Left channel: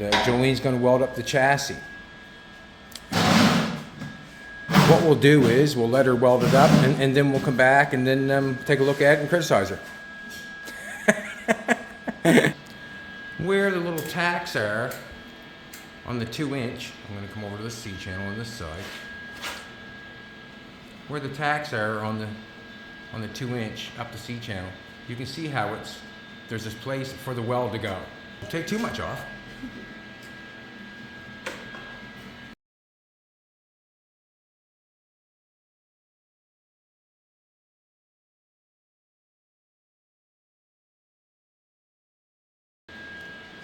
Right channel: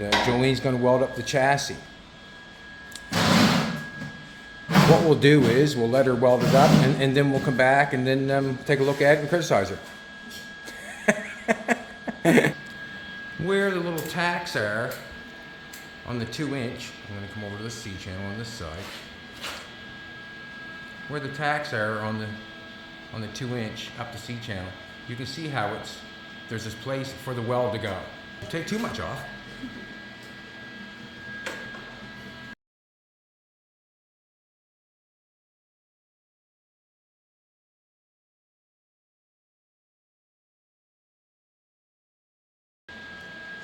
And Jolene's going to weld up the chassis. What we'll do is we'll let her weld it up, and then we'll come back and then take a look at it and criticize her. Where the little tacks are on the 2-inch, I'm going to come over to the C channel on this side. Where the tacks are on the 2-inch up the C channel, you can see how there's this place for the weld to go. Don't take too much off.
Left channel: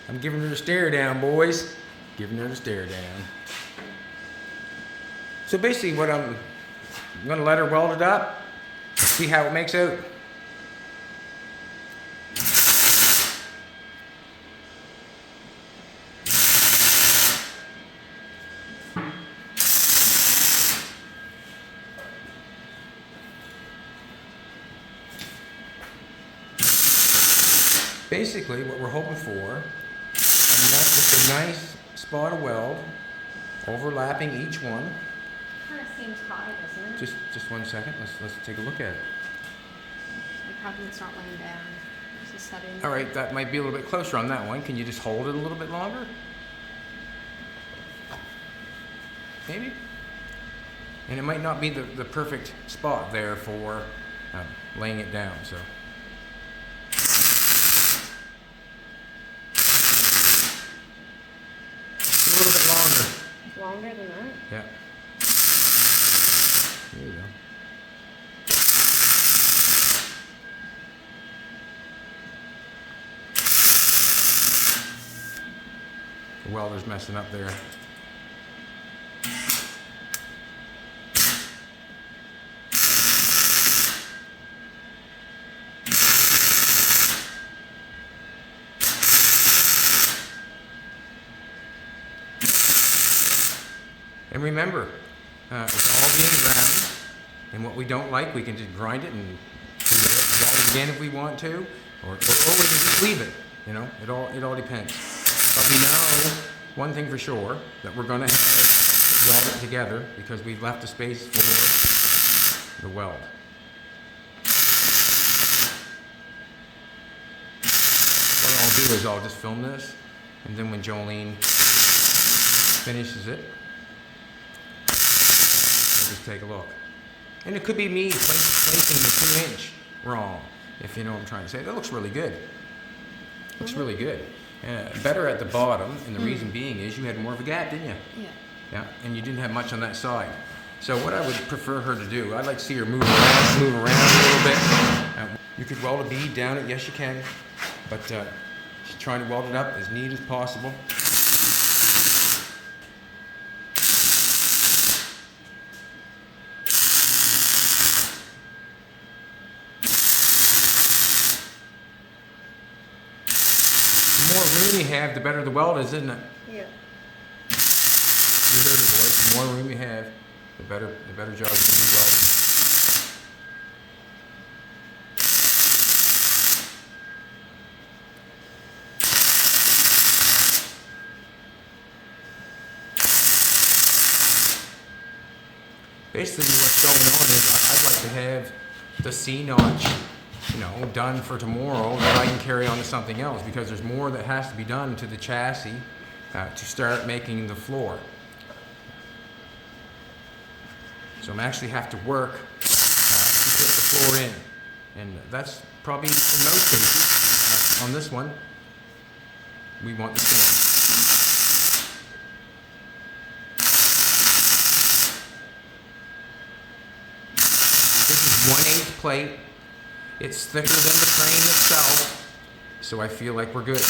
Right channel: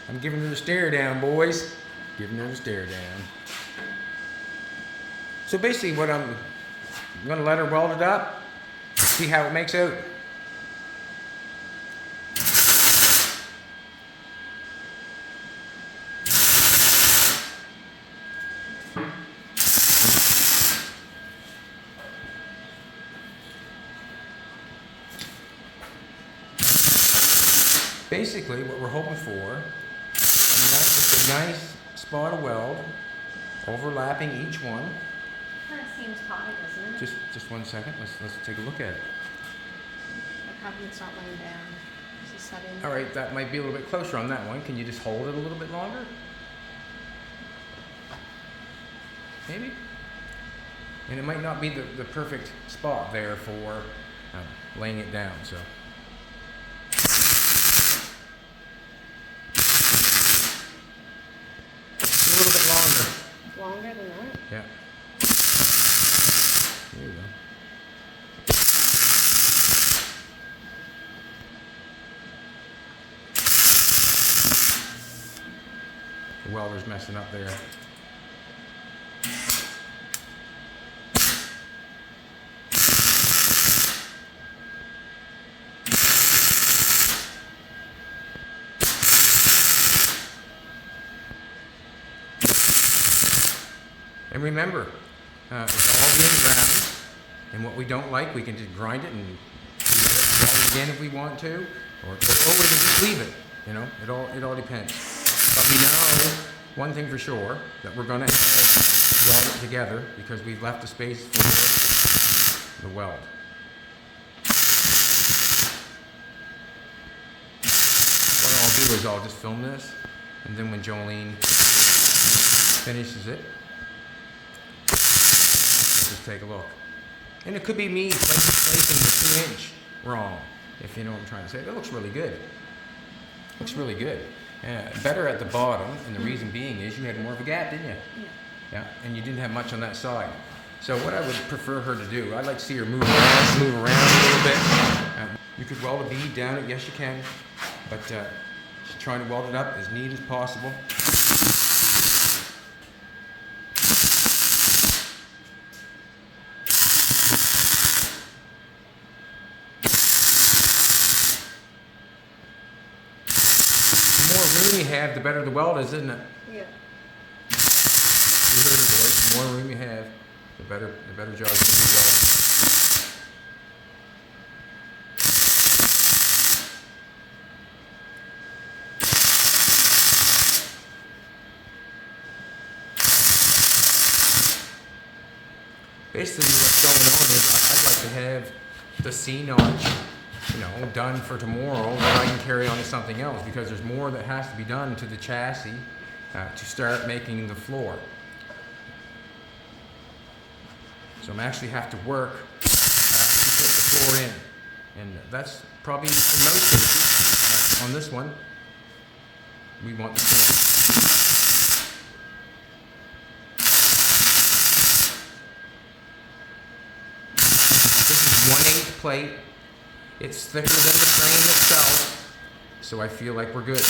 I'm giving her the stare down, boys. Giving her the stare down. So basically what I'm going to let her weld it up, see how it makes out. Basically what we're hoping for, just a nice spot of weld, overlapping each one. Kind of seems high, doesn't it? Just 1 second. Let's take a look at it. Probably it's not laying down. It's a setting. All right, that might be a little bit closer on that one. Can you just hold it a little bit longer? Maybe. And it might not be the perfect spot there for laying it down. So. A little bit longer. Longer than that? Yeah. There you go. The welder's messing up there. And remember, it's all being ground, and what we don't like, we can just grind it and weld it again if we want to, or we can just leave it. You know, it all depends. But we know one thing for sure, that we're going to have weld it together because we've left the space for the weld. What I'll do is I'll just film this, and then when Jolene finishes it, just take a look. And it could be me placing the 2-inch wrong, if you know what I'm trying to say. That looks really good. Looks really good. Better at the bottom, and the reason being is you had more of a gap, didn't you? Yeah. Yeah, and you didn't have much on that side. So what I would prefer her to do, I'd like to see her move around a little bit. You could weld a bead down it, yes you can, but she's trying to weld it up as neat as possible. The more room you have, the better the weld is, isn't it? Yeah. You heard it, boys. The more room you have, the better job you can do welding. Basically, what's going on is I'd like to have the C-notch, done for tomorrow, that I can carry on to something else, because there's more that has to be done to the chassis to start making the floor. So I'm actually have to work to put the floor in, and that's probably in most cases. On this one, we want the same. This is 1/8 plate. It's thicker than the frame itself, so I feel like we're good.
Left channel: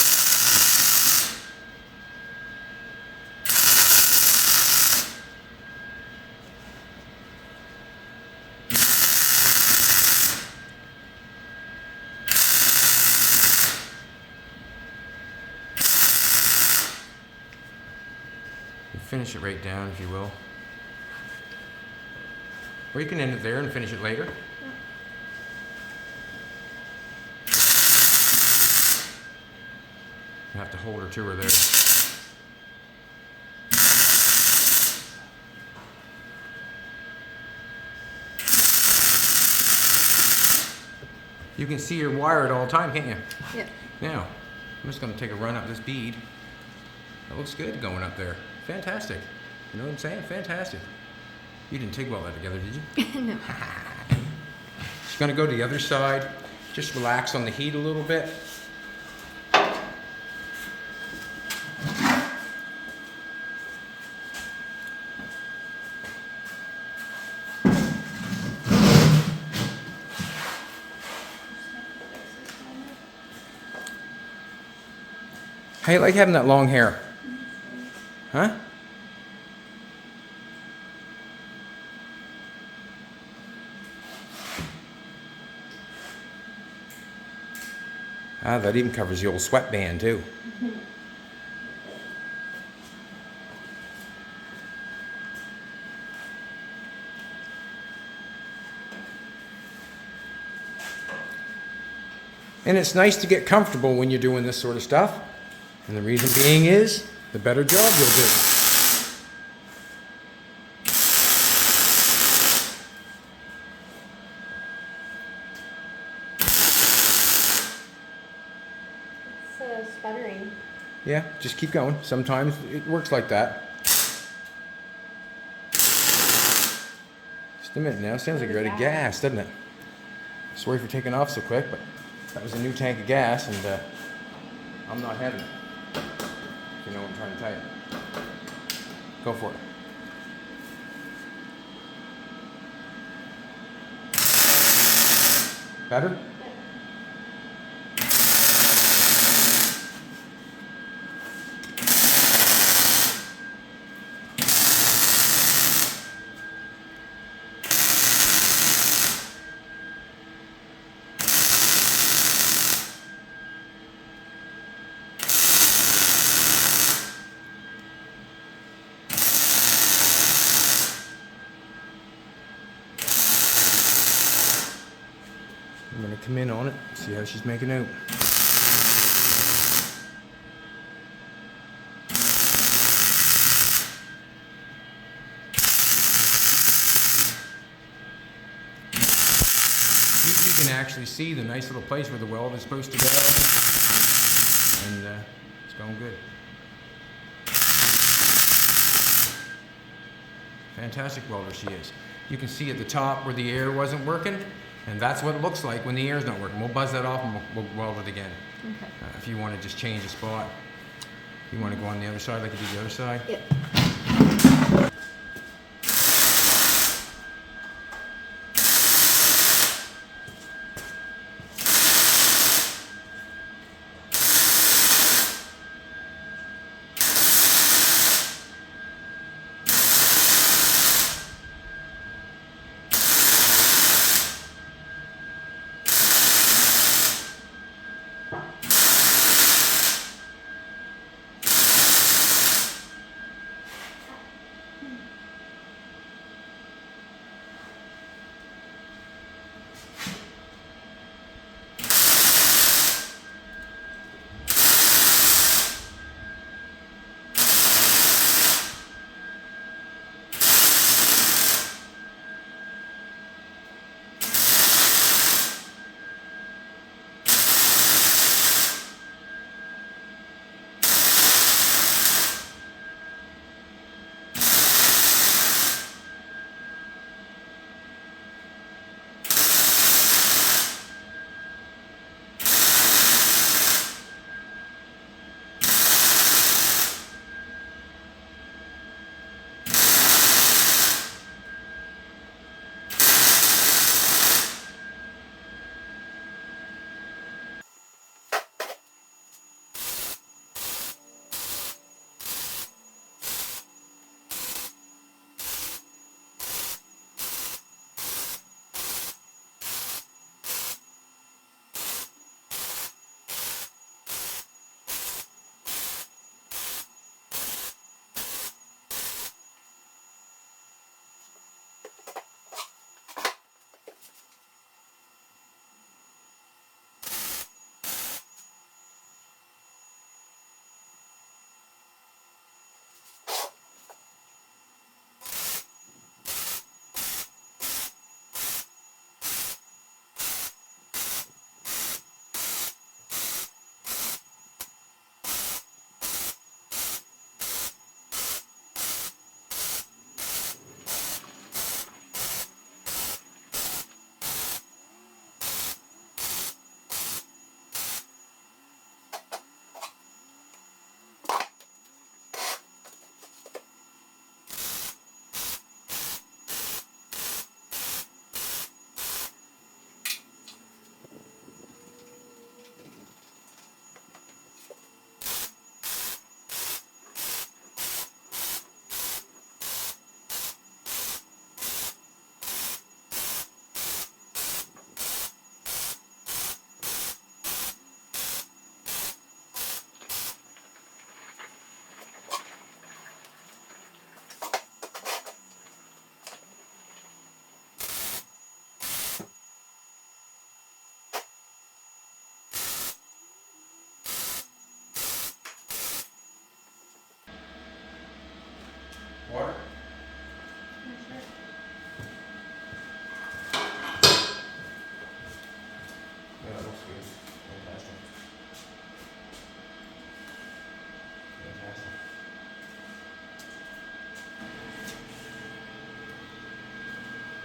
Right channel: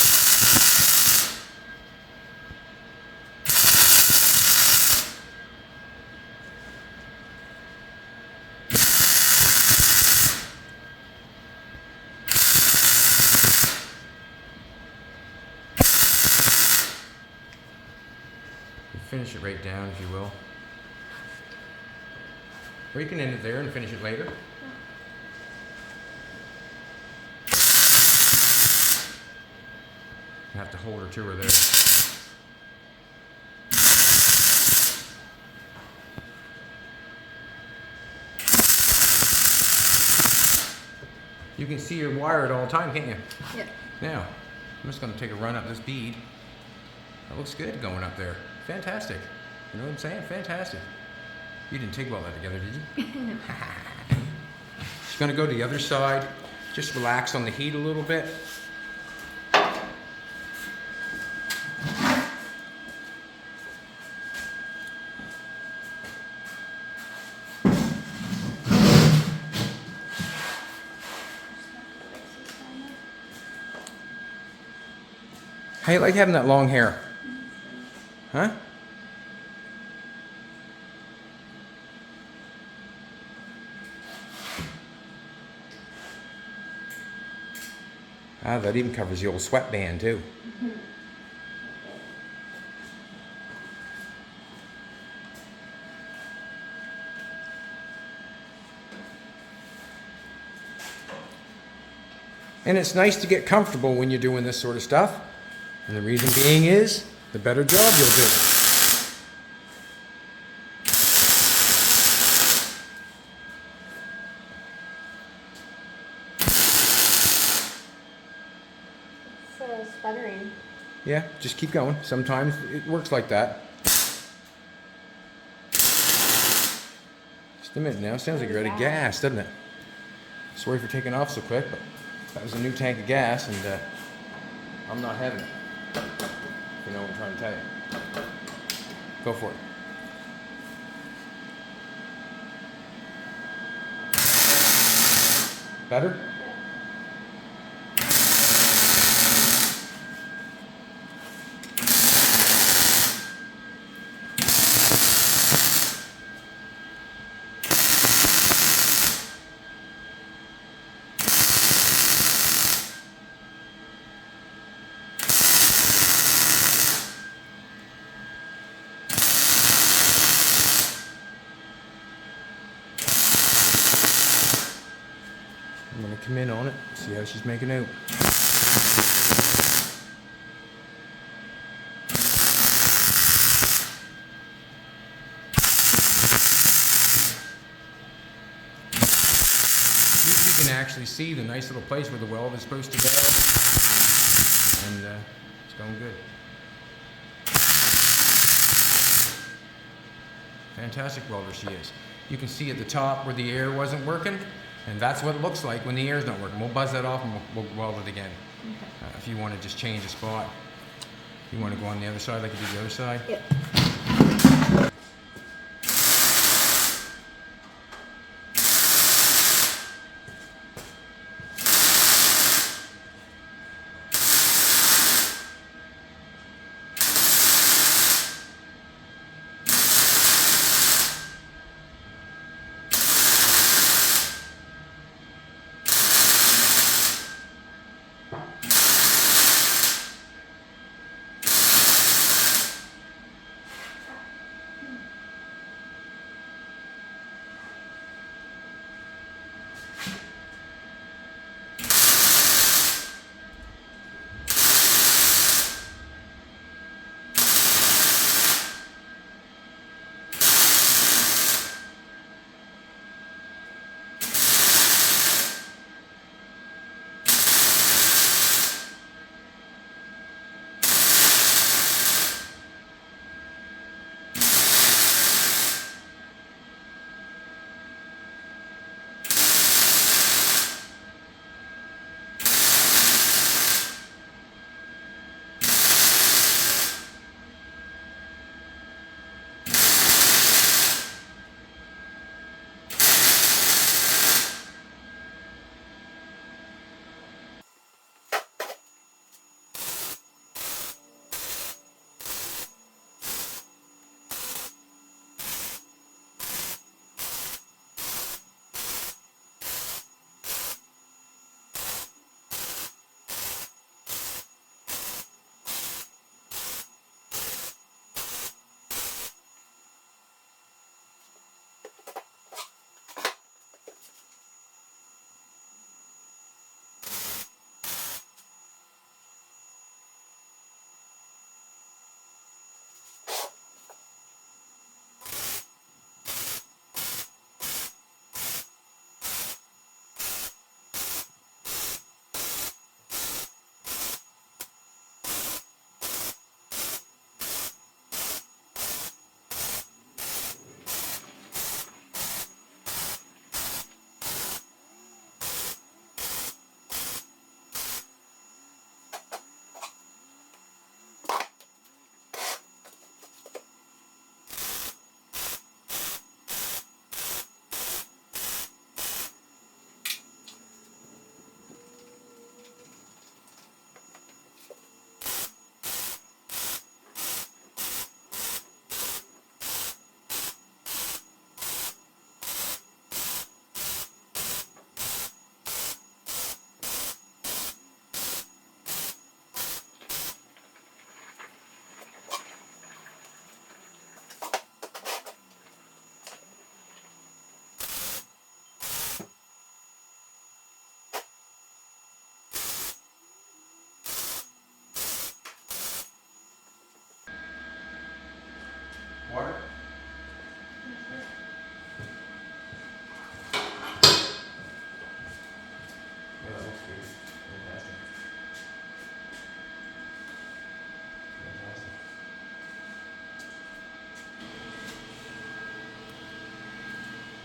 Finish it right down, if you will. Or you can end it there and finish it later. You have to hold her to her there. You can see your wire at all time, can't you? Yeah. Now, I'm just gonna take a run up this bead. That looks good going up there. Fantastic. You know what I'm saying? Fantastic. You didn't TIG weld that together, did you? No. Just gonna go to the other side. Just relax on the heat a little bit. How you like having that long hair? Huh? Ah, that even covers the old sweatband too. And it's nice to get comfortable when you're doing this sort of stuff. And the reason being is, the better job you'll do. It's sputtering. Yeah, just keep going. Sometimes it works like that. Just a minute now. Sounds like you're out of gas, doesn't it? Sorry for taking off so quick, but that was a new tank of gas, and I'm not having it. You know what I'm trying to tell you. Go for it. Better? I'm going to come in on it, see how she's making out. You can actually see the nice little place where the weld is supposed to go, and it's going good. Fantastic welder she is. You can see at the top where the air wasn't working, and that's what it looks like when the air's not working. We'll buzz that off and we'll weld it again. Okay. If you want to just change a spot. You want to go on the other side like you did the other side? Yep.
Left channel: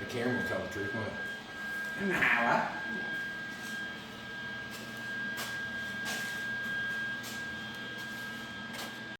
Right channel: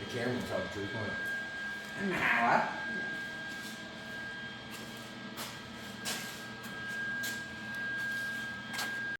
camera will tell the truth, won't it? What? Yeah.